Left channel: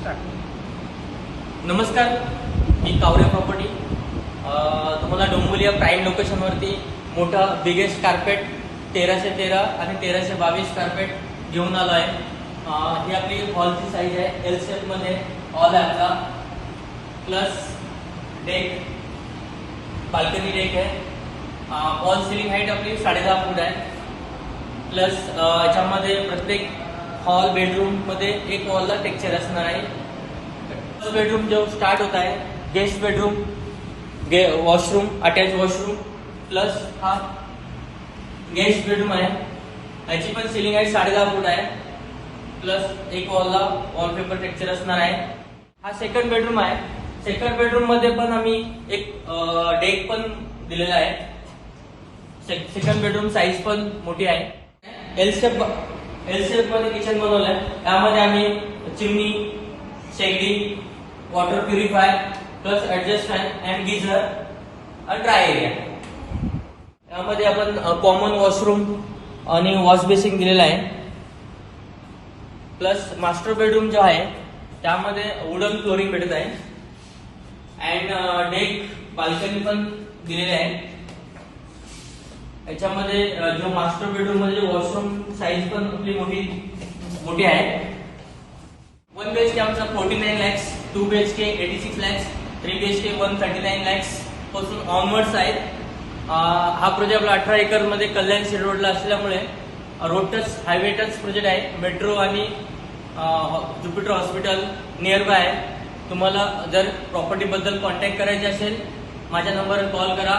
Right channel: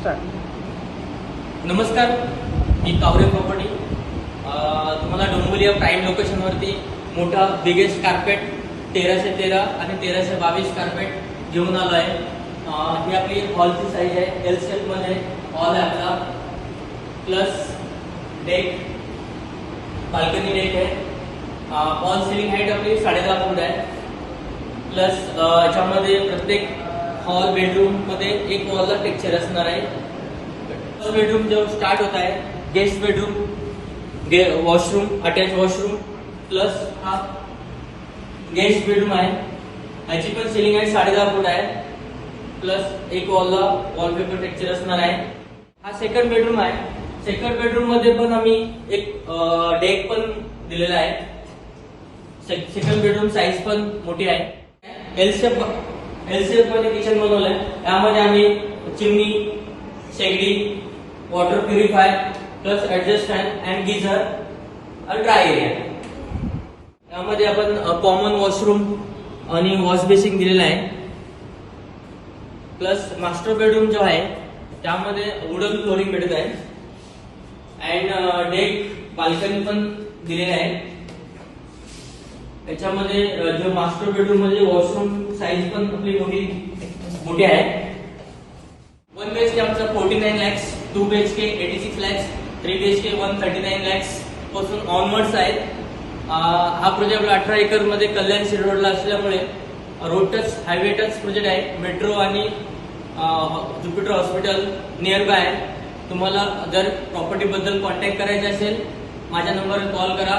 नमस्कार. नमस्कार, मी कावरे प्रॉपर्टी. तुम्हाला डोंबिवली प्राईम लोकेशनवरती मोठा बिगेस्ट कार्पेट 1313 आणि 1322 कार्पेट घेऊन आलो आहे. ही आपली हॉलची साईज आहे. एल शेप मध्ये हॉल आहे आपला, प्लस डेक, बाल्कनी डेक आहे. वॉल सिलिंग हाईट आपली 10.5 फूट आहे. प्लस याच्यामध्ये प्रत्येक हॉल बेडरूम मध्ये एक वॉलला टेक्स्चर असणार आहे. फर्स्ट बेडरूम जो स्टार्ट होत आहे, guest bedroom, washroom, attach washroom, plus हा गेस्ट बेडरूम आहे. याची पण सिलिंग आहे 10.5 फूट आहे. प्लस एक वॉलला वॉलपेपर टेक्स्चर असणार आहे. हा सेकंड बेडरूम आहे. सेकंड बेडरूम मध्ये पण आम्ही एक डेक पण दिलेला आहे. सेकंड बेडरूम साईज पण मोठी आहे. एल शेप मध्ये किचन बनवलंय. यामध्ये आम्ही चिमणी, शेगडी, water purify, plus adjust fan and geyser आणि ड्राय एरिया. यामध्ये आपण कॉमन वॉशरूम आणि वॉश बेसिन दिलेला आहे. प्लस मास्टर बेडरूम जो आहे त्यामध्ये वुडन फ्लोरिंग भेटत आहे. अँड डेक, बाल्कनी पण दिलेले आहे. याच्यामध्ये जो मास्टर बेडरूम मध्ये वॉशरूम साईज पण आपली मोठी आहे. 1 BHK आमचा 49 lakhs, 2 BHK 86 lakhs, 3 BHK 139 lakhs पासून ऑनवर्ड्स आहेत. हा प्रोजेक्ट आपला 18 एकर मध्ये कल्याण सिटी रोडला असल्यामुळे road touch, highway touch project आहे. मेट्रो आणि ज्युपिटर हॉस्पिटल नियर बाय आहे. तुम्हाला जर प्रॉपर्टी बद्दल कॉन्टॅक्ट करायचे असेल, माझ्या नंबरवर कॉल करा.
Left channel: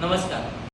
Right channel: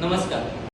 नमस्कार.